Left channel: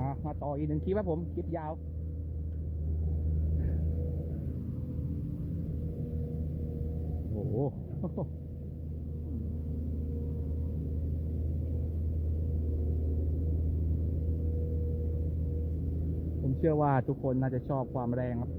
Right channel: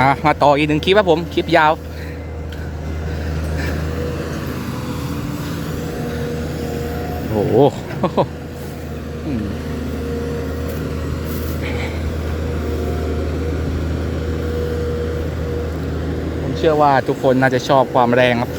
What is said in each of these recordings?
อะมาต่ออีกหนึ่งคลิปครับผม คลิปยาว โอ้โหผมเชื่อว่าทุกคนน่าจะชอบความแรงครับ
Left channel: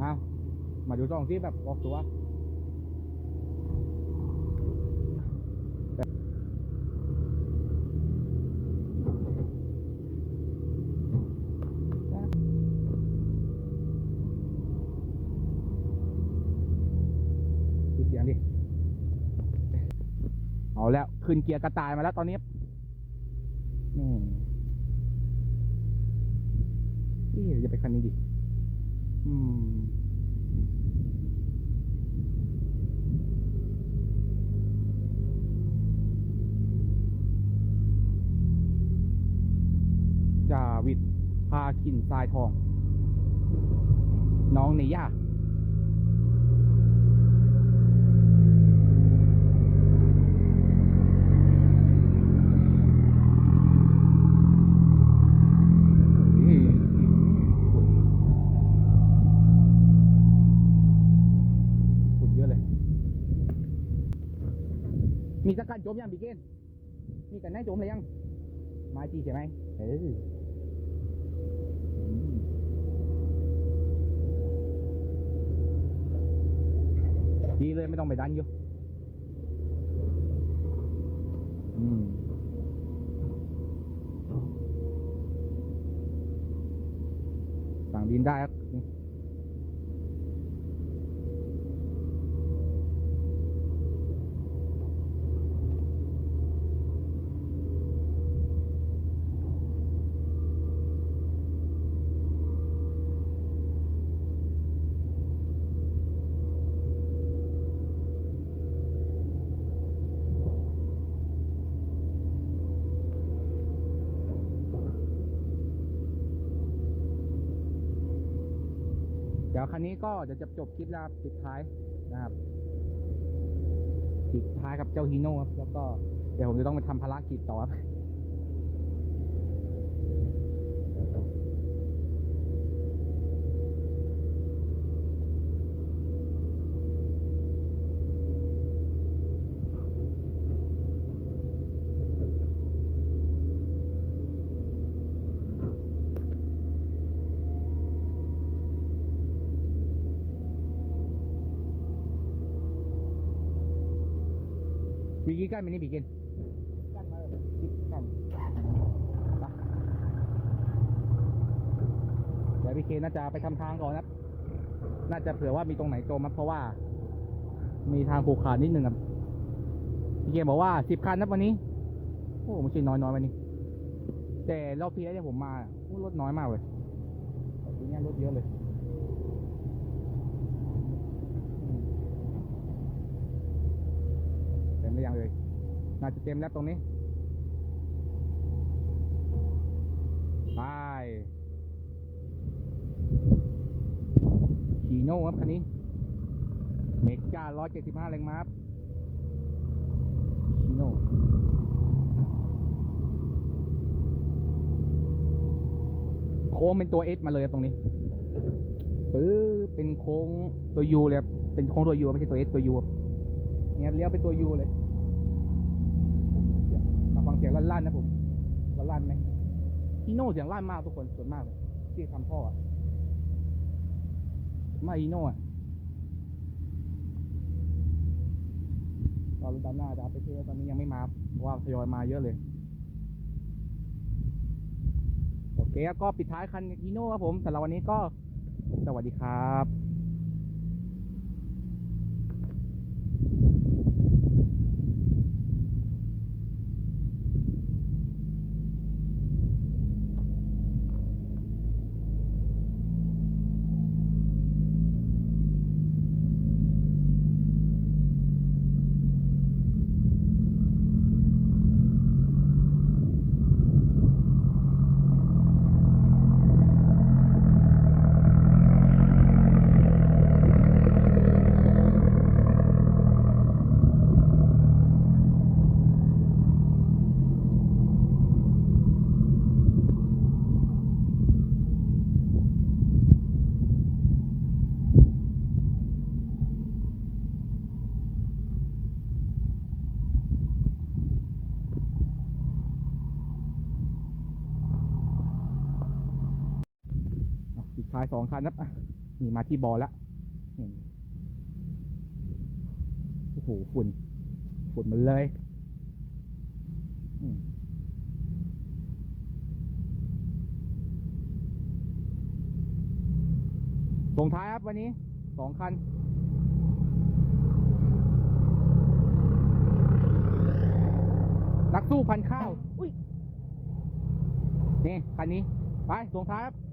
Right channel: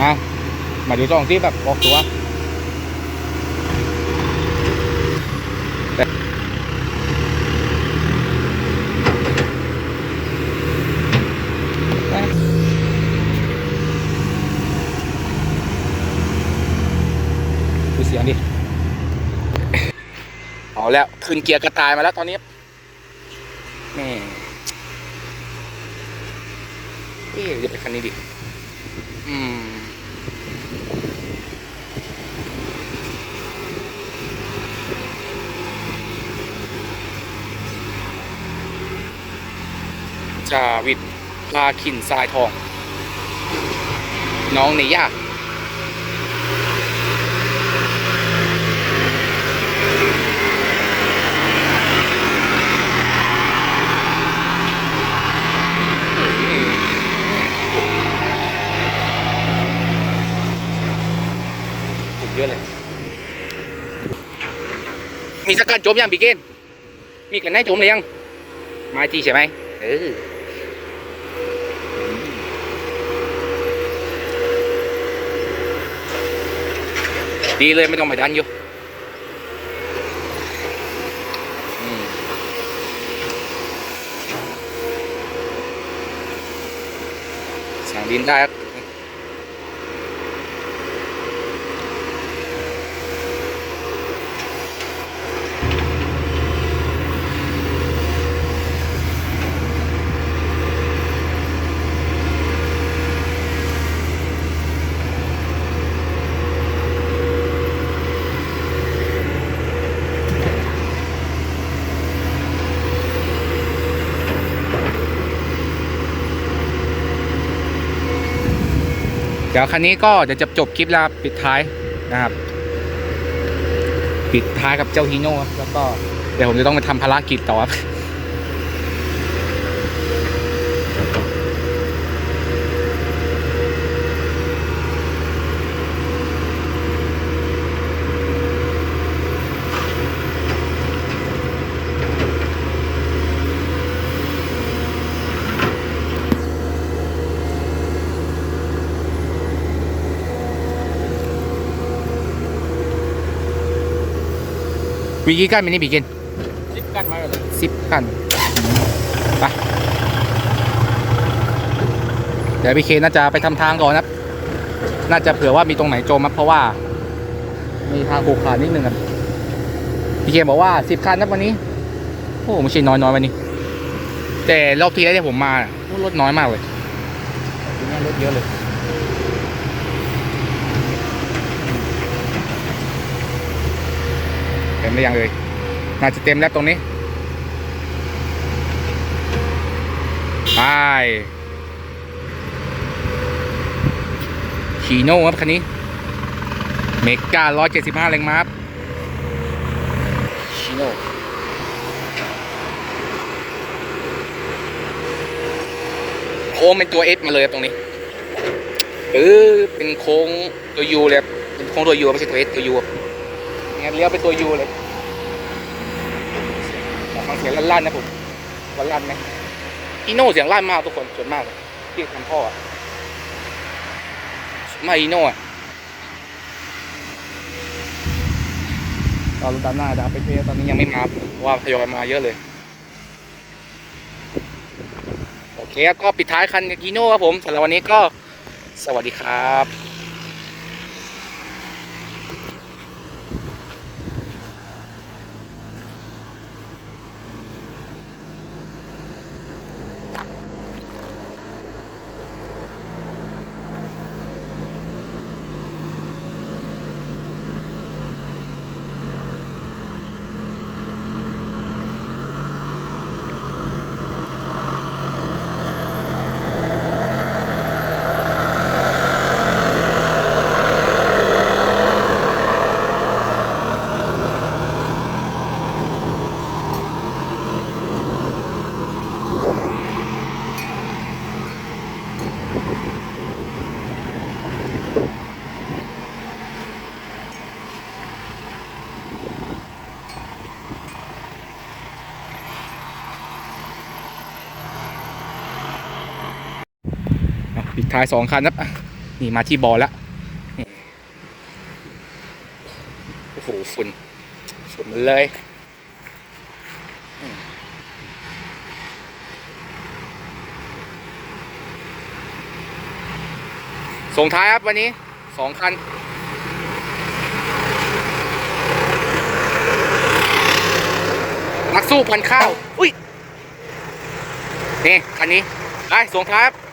มา มาดูช่องที่แบบออกตัวดูเสียงดิ เอาแล้ว ขึ้นเกียร์กระต่ายมาแล้วตอนนี้แม่เอ๊ะจะไปคันนี้ดิ อืม จาวิทพาขินทรายทอง น้องในยากสุดเยอะเลย มีสักัดจมยังพี่เกนมีกันให้จมเลยยังมาจีใช่ไหมเออ ดีเลยไม่ต้องไปดันอยู่สั่งดินได้ เดี๋ยวคันนี้ก็เดี๋ยวจะจบคลิปแล้วปิดท้ายนะครับ ปิดท้ายกับเจ้าฮีโน่ครับแล้วก็เดี๋ยวผมจะต้องไปทำภารกิจต่อครับ วีกี่กันมินิบีกินสิบกันมาเลยสิบกันไปเดี๋ยวพี่เคน่าจะไปทำทางก่อนนะครับ น่าจะเผื่อว่ามีตรงไหนจมครับเพราะว่า มีทางขรุขระนิดนึงครับพี่เคบอกว่าสิบคันนะวันนี้โอ้ไม่ใช่น้อยน้อยๆวันนี้ แต่รอบที่แล้วที่ผมมาโอ้รถน้อยมากเลยแต่ทีนี้รถเยอะเลย เต็ มหรือยังเลยน่าจะเต็มแล้วตรงนี้ไปชีโน่ครับคันนี้เมกา175แรงม้าครับชีโน่โค้งเป็นตัวเอสมาเลยครับตรงนี้เออเป็นโค้งตัวยูเลยครับเป็นโค้งตัวยูไม่ใช่ตัวเอสตัวยู เลี้ยวเป็นตัวยูเลยฟังเสียงลั่นๆนะผมว่าลั่นไหมอีโน่เสียงลั่นมากทุกคนส่วนมากที่ทำพ่อไม่อีโน่ตอนตามหน้าดาไปเทตอนนี้ยังไม่มาว่าทยอยมาเยอะเลย โอเคก็ปิดท้ายคันกิโน่ครับผมสำหรับวันนี้ก็สวัสดีครับ ท้ายสองคันครับ นี่มาที่บอลแล้วโอ้โหฝุ่นฝุ่นมันเลยส่งท้ายครับวันนี้สองคันนักสู้พันข้าว อุ้ย นี่ คันนี้ ไปส่งท้ายครับ